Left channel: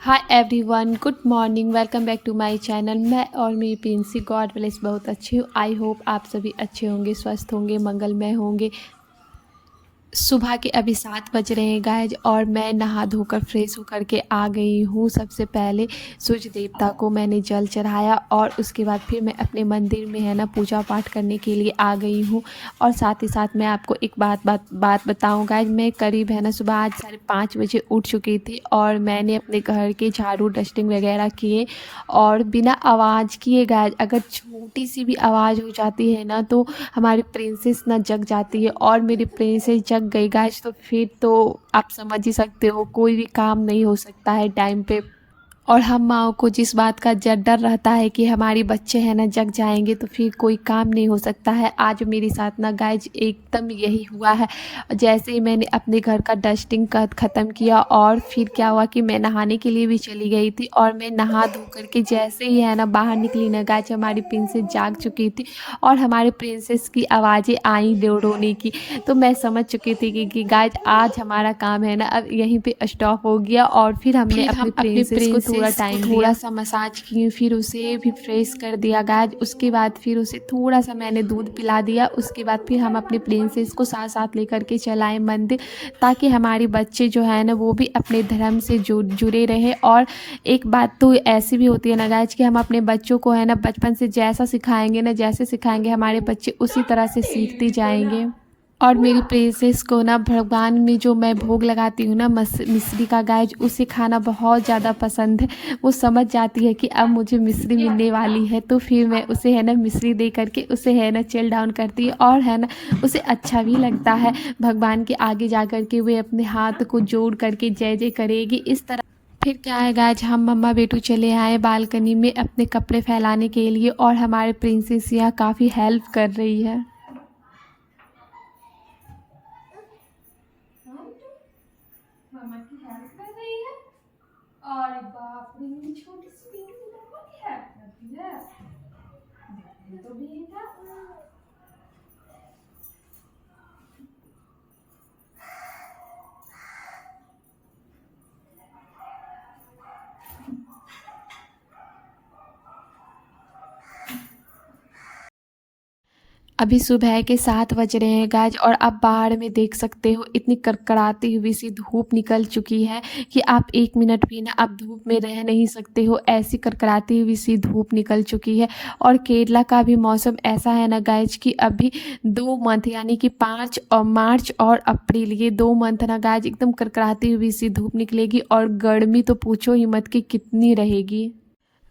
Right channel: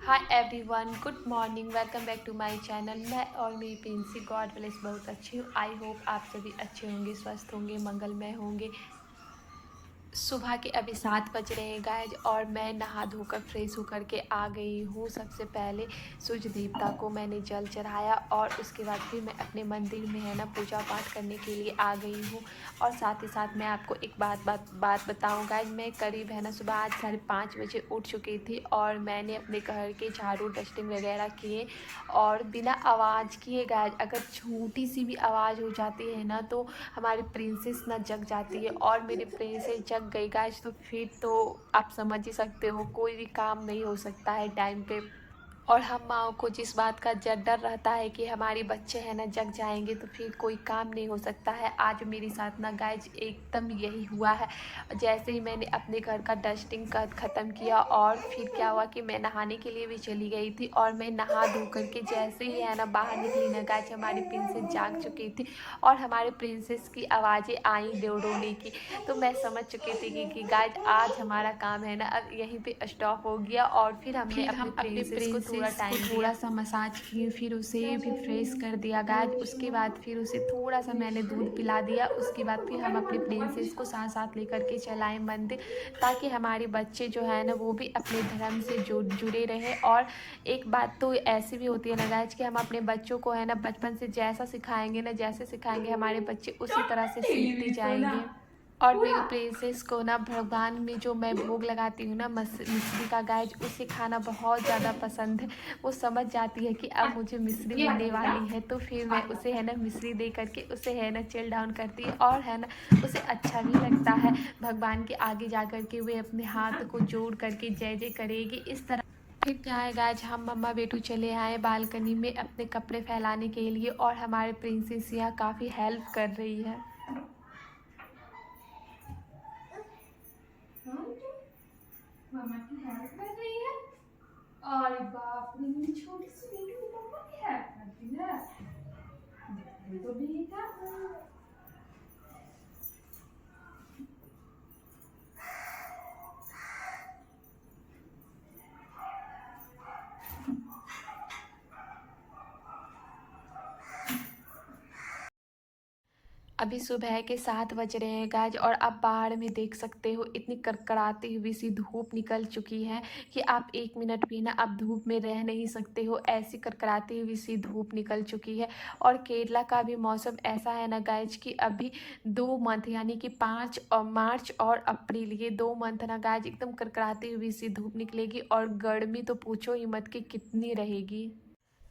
Hi everyone, good morning. Welcome back to my channel. मैं और मेरी प्रिंसी गॉड ब्लेस बहुत अच्छी हूँ। आई होप आप सभी अच्छे होंगे, स्वस्थ होंगे, मंगलमय होंगे। सुबह के अभी 7 बज रहे हैं गाइज, और मैं नहा धोकर फ्रेश होकर के आ गई हूँ। सबसे पहले सूर्य देवता को मैंने जल चढ़ाया और उसके बाद फिर मैं अपने मंदिर में है ना पूजा पाठ करने के लिए आ गई हूँ। और साथ ही साथ मैं आपको एक बात बताऊँ गाइज, मैं करीब है ना सुबह आज 5:30 बजे उठ चुकी थी और मैंने अपने घर के झाड़ू डस्टिंग वगैरह किए। और बिना आवाज़ किए गाइज, अगर छोटी सी भी आवाज़ हो जाती है ना तो हमारी प्रिंसेस ना जग जाती है। और मेरी प्रिंसेस जग गई गाइस तो फिर तो आप समझ ही सकते हो, कोई भी काम नहीं हो सकता है टाइम पे। और हम माँओं को जिस बात का डर रहता है कि हमारे बच्चे हैं ना जग जाएंगे तो फिर कोई काम नहीं हो सकता है। आज मेरे साथ ना गाइज एकदम यही हुआ है। जैसे ही मैंने अपने घर का डस्टिंग का ख़त्म किया और फिर क्या हुआ कि मैं नहाने के लिए भी चली गई थी। और मैं नहा धो करके जैसे ही है ना बाहर निकली ना गाइज, हमारी प्रिंसेस जाग चुकी थी और हमारे प्रिंसेस की आवाज़ें आई रोने की। तो मैं समझ चुकी थी कि गाइज आज हमारा काम है ना अब यहीं पे स्टॉप हो गया। और फिर हमने अपने प्रिंसेस को थोड़ा टाइम थोड़ा सा मसाज की, फिर उसे भी फ्रेश कर दिया गाइज। उसके बाद फिर उसे थोड़ा सा मैंने दूध पिला दिया। उसके बाद फिर हम अपने प्रिंसेस को साथ साथ लेकर के चलाए मंदिर, ताकि हमारे बच्चे जो है ना वो भी अपने धर्म से जुड़े रहे। और एक बात तो ऐसी भी होती है ना गाइज कि हम अपने बच्चों को है ना बचपन से जैसा सिखाएंगे ना, जैसे सिखाएंगे हमारे बच्चे उसी तरह से सीखते जाएंगे। और मेरी प्रिंसेस को ना भगवान में जो मैं भोग लगाती हूँ ना मिश्री का गाइज, उसे खाना बहुत ज़्यादा पसंद है। वो समझ जाती है कि अब मुझे मिश्री मिलने वाली है तो फिर मैं उसे है ना मिश्री दे करके उसे है ना चिल डाउन करती है। और है ना उसे अच्छा भी लगता है। भगवान के आगे जा कर के वे अपने हाथ को जोड़ करके जय जय करेगी इस तरह। फिर क्या है गाइज, हम मम्मा बेटू चले आए बालकनी में अपने कपड़े फैलाने के लिए, और हमारे प्रिंसेस यहाँ काफ़ी हेल्प कर रही है। मामा की हेल्प कर रही है। अरे बाप रे, मेरी छोटी सी बेटी मम्मा की हेल्प करती है। देखने तो भी था। अभी सुबह के 7 बज रहे हैं गाइज, और आप बाहर में देख सकते हो इतनी कड़कड़ाती हुई सी धूप निकल चुकी है कि आप 1 मिनट भी ना आप धूप में रह नहीं सकते हो। ऐसी कड़कड़ाती हुई सी धूप निकल चुकी है। और केरला का भी मौसम ऐसा है ना गाइज कि अभी 2 मंथ यानी कि 5 और मार्च और अप्रैल, ये 2 मंथ ना गाइज एकदम कड़कड़ाती हुई सी धूप निकलेगी। और गर्मी तो पूछो ही मत कि कितनी रहेगी।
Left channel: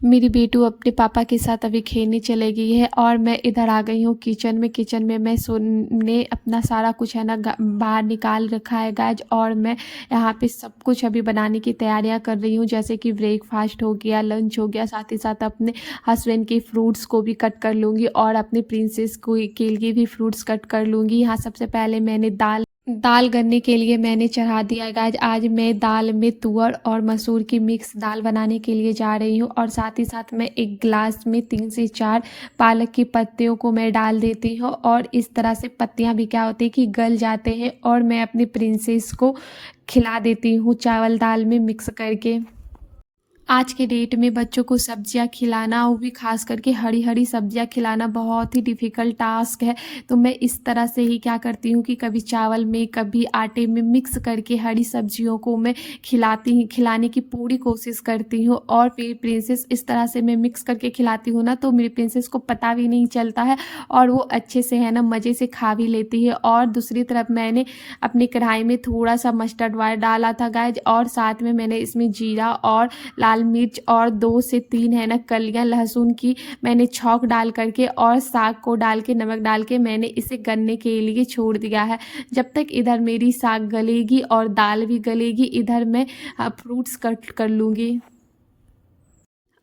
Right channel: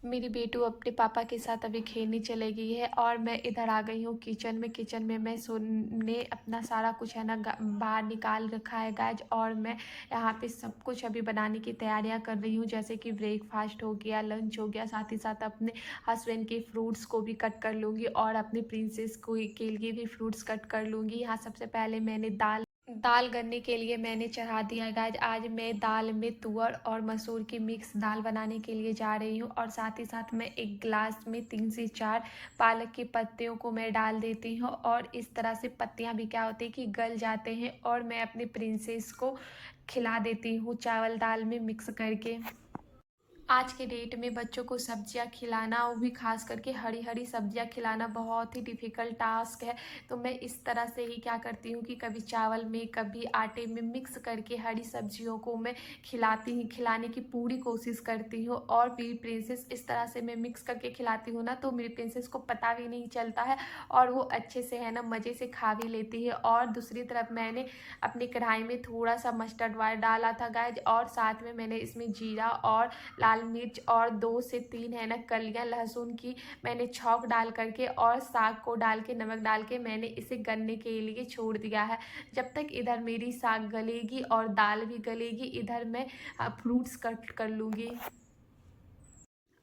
मेरी बेटू अपने पापा के साथ अभी खेलने चले गई है और मैं इधर आ गई हूँ किचन में मैं सोने अपना सारा कुछ है ना बाहर निकाल रखा है गाइज। और मैं यहाँ पे सब कुछ अभी बनाने की तैयारियाँ कर रही हूँ, जैसे कि ब्रेकफास्ट हो गया, लंच हो गया, साथ ही साथ अपने हस्बैंड के फ्रूट्स को भी कट कर लूँगी और अपने प्रिंसेस को के लिए भी फ्रूट्स कट कर लूँगी। यहाँ सबसे पहले मैंने दाल दाल गलने के लिए मैंने चढ़ा दिया है गाइज। आज मैं दाल में तुअर और मसूर की मिक्स दाल बनाने के लिए जा रही हूँ। और साथ ही साथ मैं एक गिलास में 3 से 4 पालक की पत्तियों को मैं डाल देती हूँ। और इस तरह से पत्तियाँ भी क्या होती है कि गल जाते हैं, और मैं अपनी प्रिंसेस को खिला देती हूँ चावल दाल में मिक्स करके। आज के डेट में बच्चों को सब्जियां खिलाना, वो भी खास करके हरी हरी सब्जियां खिलाना बहुत ही डिफ़िकल्ट टास्क है। तो मैं इस तरह से ही क्या करती हूँ कि कभी चावल में कभी आटे में मिक्स करके हरी सब्जियों को मैं खिलाने की पूरी कोशिश करती हूँ। और मेरी प्रिंसेस इस तरह से मैं मिक्स करके खिलाती हूँ ना तो मेरी प्रिंसेस को पता भी नहीं चलता है, और वो अच्छे से है ना मज़े से खा भी लेती है। और दूसरी तरफ मैंने अपनी कढ़ाई में थोड़ा सा मस्टर्ड ऑयल डाला था गाइज, और साथ में मैंने इसमें जीरा और लाल मिर्च और 2 से 3 है ना कलियां लहसुन की मैंने छौंक डाल करके और साग को डाल के नमक डाल के मैंने इसे गलने के लिए छोड़ दिया है। जब तक इधर मेरी साग गलेगी और दाल भी गलेगी, इधर मैं फ्रूट्स कट कर लूँगी।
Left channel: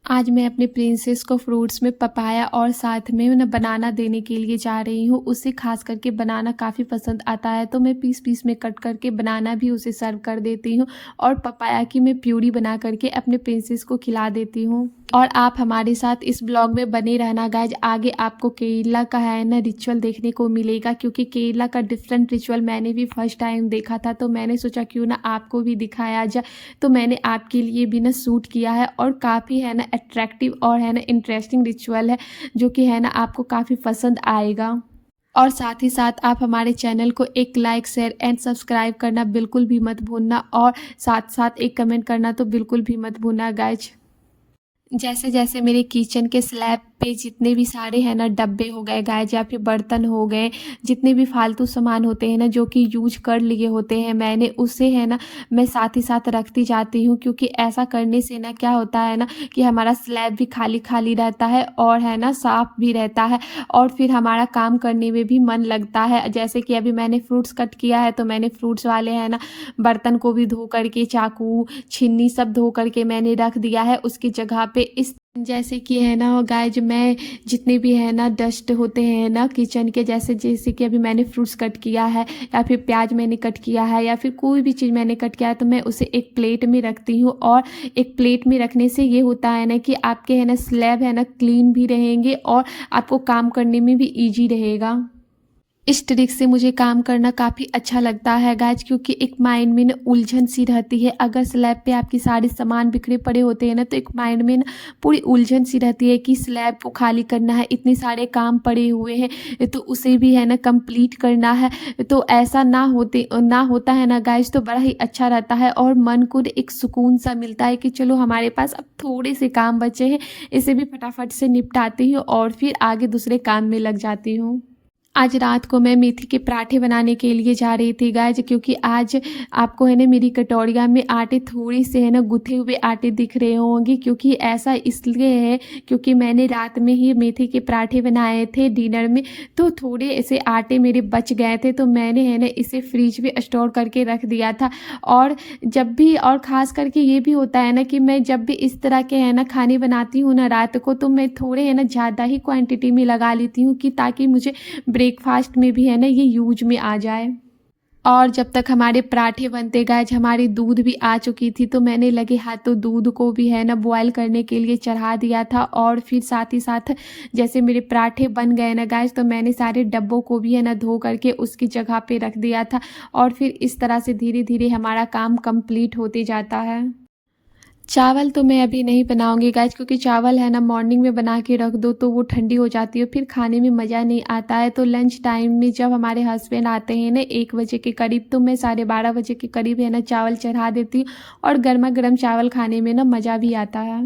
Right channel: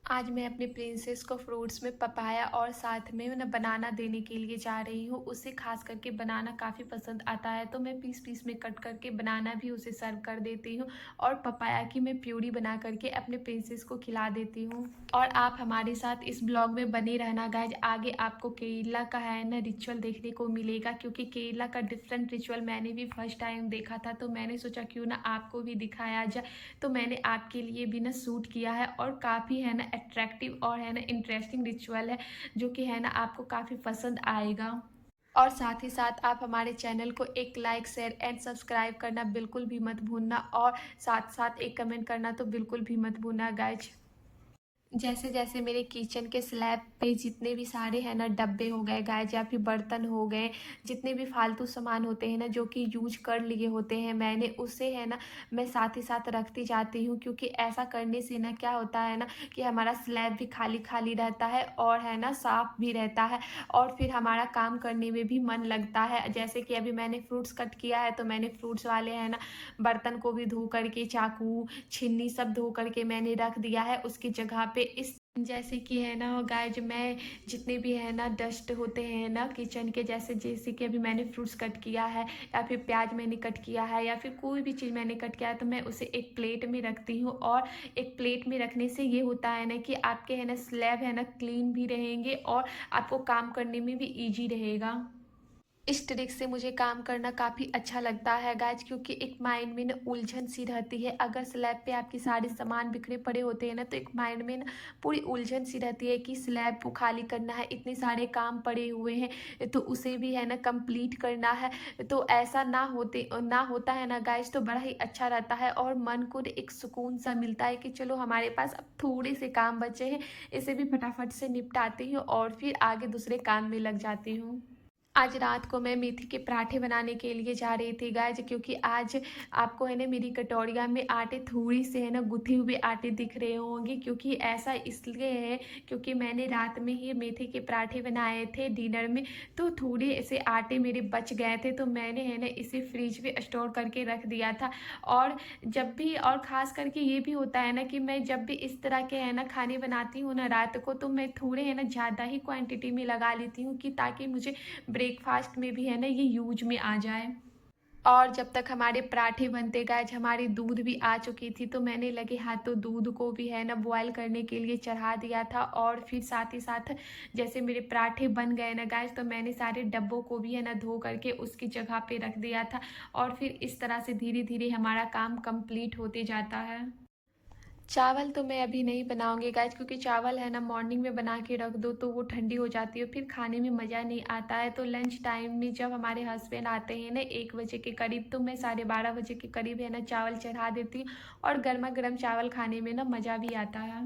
आज मैं अपने प्रिंसेस को फ्रूट्स में पपाया और साथ में ना बनाना देने के लिए जा रही हूँ। उसे ख़ास करके बनाना काफ़ी पसंद आता है, तो मैं पीस-पीस में कट करके बनाना भी उसे सर्व कर देती हूँ और पपाया की मैं प्यूरी बना करके अपने प्रिंसेस को खिला देती हूँ। और आप हमारे साथ इस ब्लॉग में बने रहना गाइज। आगे आपको केरला का है ना रिचुअल देखने को मिलेगा, क्योंकि केरला का डिफरेंट रिचुअल मैंने भी फर्स्ट टाइम देखा था, तो मैंने सोचा क्यों ना आपको भी दिखाया जाए। तो मैंने आपके लिए भी ना शूट किया है और काफ़ी है ना अट्रैक्टिव और है ना इंटरेस्टिंग रिचुअल है, जो कि है ना आपको काफ़ी पसंद आएगा। और साथ ही साथ आप हमारे चैनल को एक लाइक शेयर एंड सब्सक्राइब करना बिल्कुल भी मत भूलना, और साथ साथ एक कमेंट करना तो बिल्कुल भी मत भूलना गाइज। जैसे जैसे मेरे किचन के स्लैब पे जितने भी सारे हैं ना डब्बे हो गए गाइज, या फिर बर्तन हो गए, जितने भी फालतू सामान होते हैं ना जो कि यूज कर लिए होते हैं मैंने, उससे है ना मैं साथ ही साथ रखती जाती हूँ, क्योंकि ऐसा करने से ना क्या होता है ना कि हमारा स्लैब भी खाली खाली रहता है और है ना साफ भी रहता है, और फिर हमारा काम करने में भी मन लगता है। जैसे कि अभी मैंने फ्रूट्स कट किया है, तो मैंने फ्रूट्स वाले है ना बर्तन को भी धो करके, चाकू छिन्नी सब धो करके मैंने रख दिया है उसकी जगह पे। इस जैसे कि है ना गाइज, मैं जितने भी है ना डस्ट होते हैं ना किचन के, जैसे जैसे कि अभी मैंने फ्रूट्स कट किया है, या फिर प्याज मैंने कट किया है, या फिर कोई भी चीज़ मैंने कट किया है, तो मैं उसे एक प्लेट में रखती हूँ। और एक प्लेट में रखने से ये होता है ना कि आपके है ना स्लैब है ना क्लीन भी रहेंगे और आपको काम करने में भी ईजी रहेगा। इस ट्रिक से मुझे काम करना काफ़ी अच्छा लगता है गाइज, क्योंकि एक माइंड में ना उलझन सी रहती है। अगर स्लैब पे आपकी सारे सामान बिखरे पड़े होते हैं ना, तो एक माइंड में ना पूरी उलझन सी रहती है कि स्लैब को खाली करना है, इतने सारे काम पड़े हुए हैं तो उसे भी है ना कंप्लीट करना है। तो ऐसा ना होता है ना गाइज, तो बड़ा ही अच्छा रहता है और मन को एक सुकून सा मिलता है कि चलो हमारे पास अब थोड़े से काम बचे हैं, इसे भी फटाफट से निपटाती हूँ और फिर आगे दूसरे काम में लग जाती हूँ। आज रात को मैं मेथी के पराठे बनाने के लिए जा रही थी गाइज, क्योंकि आज आपको है ना मेरी कटोरिया में आटे थोड़ी से है ना गुथे हुए आटे दिख रहे होंगे, क्योंकि ऐसा इसलिए है क्योंकि मैंने रात में ही मेथी के पराठे बनाए थे डिनर में, तो थोड़े ऐसे आटे मेरे बच गए थे, तो मैंने है ना इसे फ्रिज में स्टोर करके रख दिया था। और जब भी, और ख़ास करके ये भी होता है ना कि मैं जब भी इस तरह के है ना खाने बनाती हूँ ना रात को, तो मैं थोड़े है ना ज़्यादा ही क्वांटिटी में लगा लेती हूँ, कि ताकि मुझे ब्रेकफास्ट में भी है ना ये यूज में आ जाए। और जब तक हमारे पराठे बनते गाइज, हमारी दूध भी आ चुकी थी, तो मैंने लगे हाथों दूध को भी है ना बॉयल करने के लिए चढ़ा दिया था। और फिर साथ ही साथ जैसे मेरे पराठे बन गए ना गाइज, तो मैंने सारे डब्बों को भी है ना धो करके उसकी जगह पे रख दिया था, और फिर इस तरह से धीरे धीरे हमारा काम कंप्लीट होते जाता है। चावल तो मैं अभी नहीं बनाऊंगी गाइज, क्योंकि चावल है ना मॉर्निंग में बना के रख दो तो वो ठंडी हो जाती है, फिर खाने में मज़ा नहीं आता है। तो लंच टाइम में जब हमारे हस्बैंड आते हैं ना 1 बजे के करीब, तो मैं 12:30 बजे के करीब है ना चावल चढ़ा देती हूँ, और गर्मा गर्म चावल खाने में ना मज़ा भी आता है।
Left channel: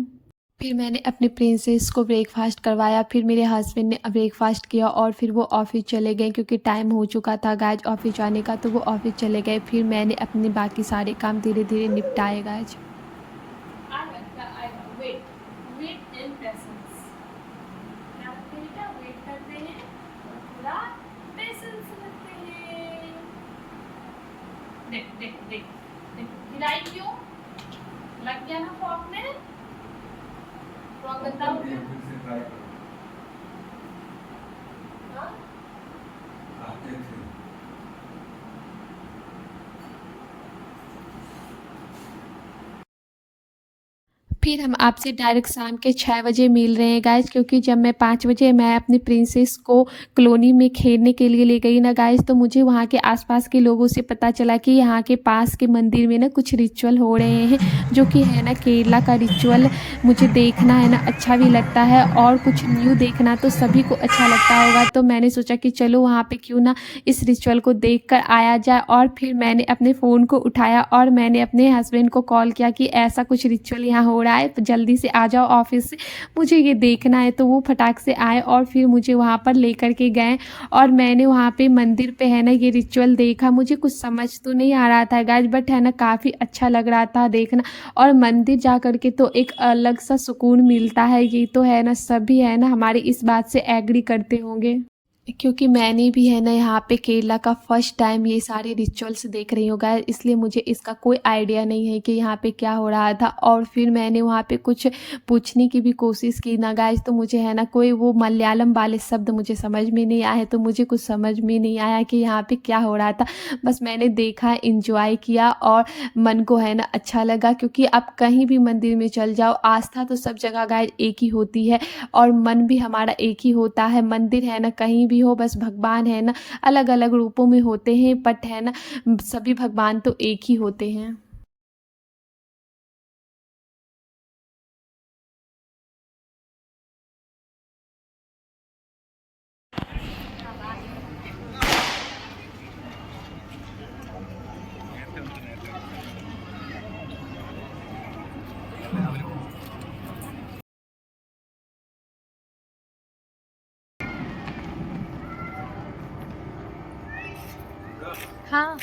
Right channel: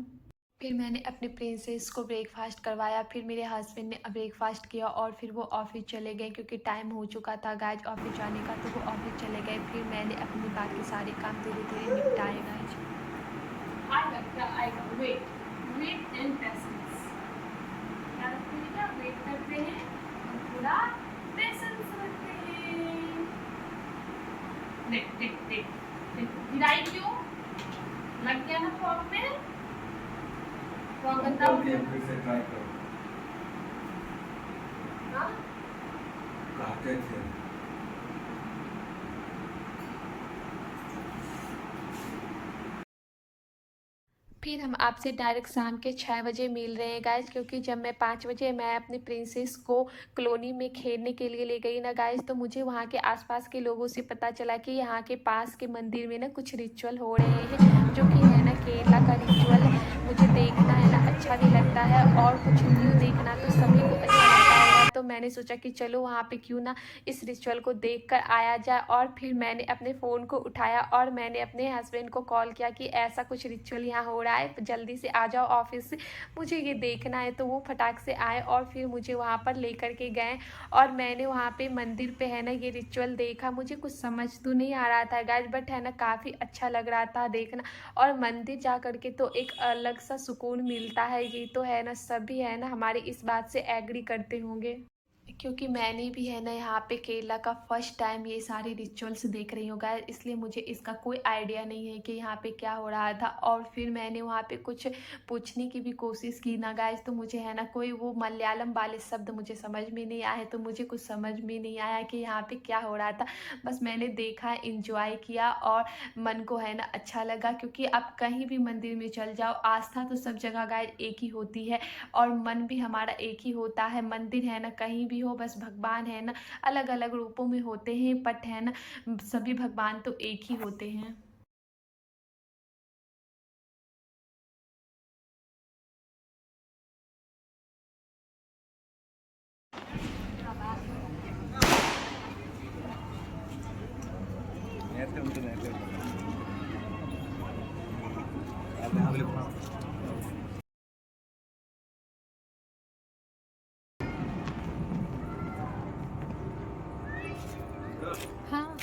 फिर मैंने अपने प्रिंसेस को ब्रेकफास्ट करवाया, फिर मेरे हस्बैंड ने ब्रेकफास्ट किया, और फिर वो ऑफिस चले गए, क्योंकि टाइम हो चुका था गाइज ऑफिस जाने का, तो वो ऑफिस चले गए। फिर मैंने अपने बाकी सारे काम धीरे धीरे निपटाए गाइज। आएगा वेट वेट एंड पेशेंस। क्या रखते हैं, क्या वेट करते हैं और पूरा पेशेंस रखते हैं। देख देख देख देख गिराई क्यों, लग गया ना फॉर्म में, फॉर्म गंदा हो गया। फिर से ट्राई करो। हाँ आते थे। फिर हम आपसे डायरेक्ट शाम के 6 बजे मिल रहे हैं गाइज, क्योंकि जब मैं 5 बजे मैं अपनी प्रिंसेस को कॉलोनी में खेलने के लिए ले गई ना गाइज, तो मुझे वहाँ के आसपास के लोगों से पता चला कि यहाँ के पास के मंदिर में ना कुछ रिचुअल हो रहे हैं, जो कि है ना केरला का रिचुअल। मुझे देखना है ना अच्छा भी लगता है, और कुछ न्यू देखना तो सभी को अच्छा लगता होगा, तो मैंने सोचा कि चलो वहाँ पे क्यों ना इस रिचुअल को देख कर आया जाए। और फिर मैंने अपने फ़ोन को उठाया और मैंने अपने हस्बैंड को कॉल किया कि ऐसा कुछ रिचुअल यहाँ हो रहा है, तो जल्दी से आ जाओ ऑफिस से, मुझे ये देखना है। तो वो फटाक से आए और फिर मुझे वहाँ पर लेकर के गए, और मैंने वहाँ पे मंदिर पे है ना ये रिचुअल देखा। मुझे कुछ समझ तो नहीं आ रहा था गाइज, बट है ना काफ़ी अच्छा लग रहा था देखना, और मंदिर जा कर के तो एक अलग सा सुकून मिलता है, ये तो है ना सभी है ना हमारी इस बात से एग्री करते होंगे। क्योंकि मैंने भी है ना यहाँ पे केरला का फर्स्ट टाइम ये सारे रिचुअल्स देख रही हूँ गाइस, इसलिए मुझे इसका कोई आइडिया नहीं है कि यहाँ पे क्या हो रहा था। और फिर मैंने वहाँ पे कुछ पूछने की भी कोशिश की ना गाइस, तो मुझे है ना कोई वो मलयालम वाले शब्द मुझे समझ में नहीं आए, तो मुझे कुछ समझ में नहीं आया कि यहाँ पे क्या हो रहा था। बस मैंने देखा, इंजॉय किया और मन को है ना अच्छा लगा, क्योंकि आप कहीं भी मंदिर में चल जाओ, आस्था तो सब जगह गाइस एक ही होती है और मन भी हमारा एक ही होता है। मंदिर है ना कहीं भी हो, बस भगवान है ना अलग अलग रूपों में होते हैं, बट है ना सभी भगवान तो एक ही होते हैं। हाँ।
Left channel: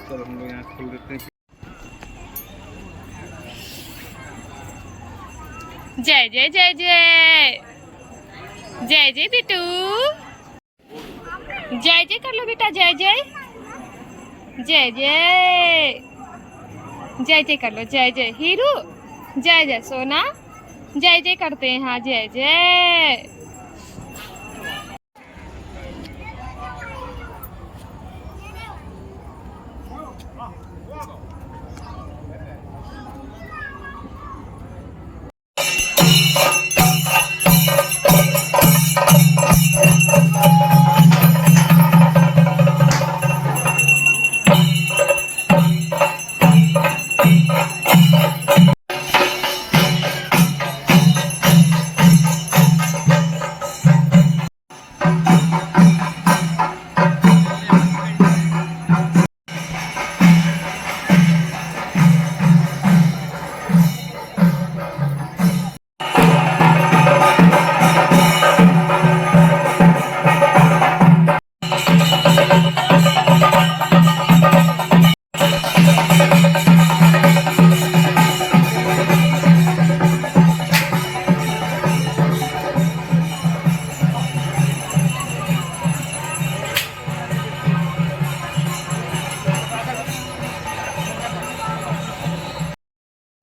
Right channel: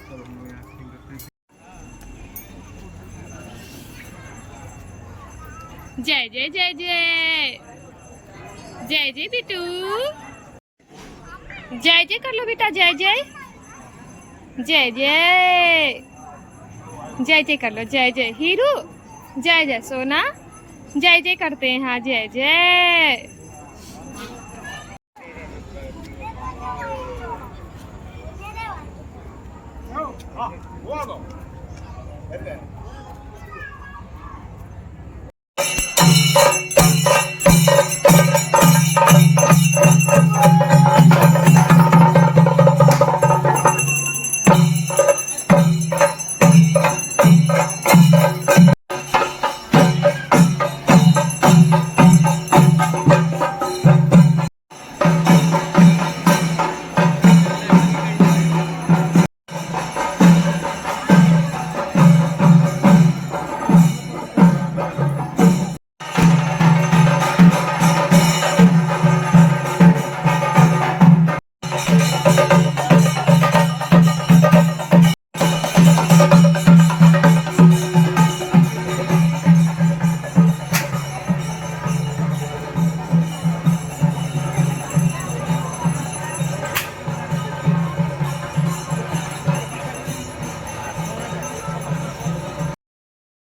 चलो हम लोग यहाँ खोल देते हैं। जय जय जय जय जय जय बिटू, जय जय कर लो बेटा, जय जय जय जय जय जय कर लो, जय जय हीरू, जय जय सोना, जय जय करते हैं। हाँ जय जय।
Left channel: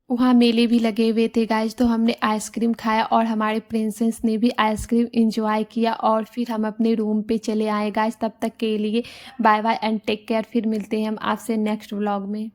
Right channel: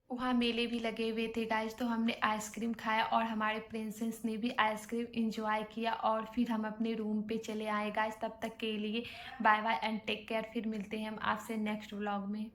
वहाँ मेले भी लगे हुए थे गाइस, तो हमने आइसक्रीम खाया और हमारे प्रिंसेस ने भी आइसक्रीम एंजॉय किया और फिर हम अपने रूम पे चले आए गाइस। तब तक के लिए bye bye and take care. फिर मिलते हैं हम आपसे नेक्स्ट व्लॉग में।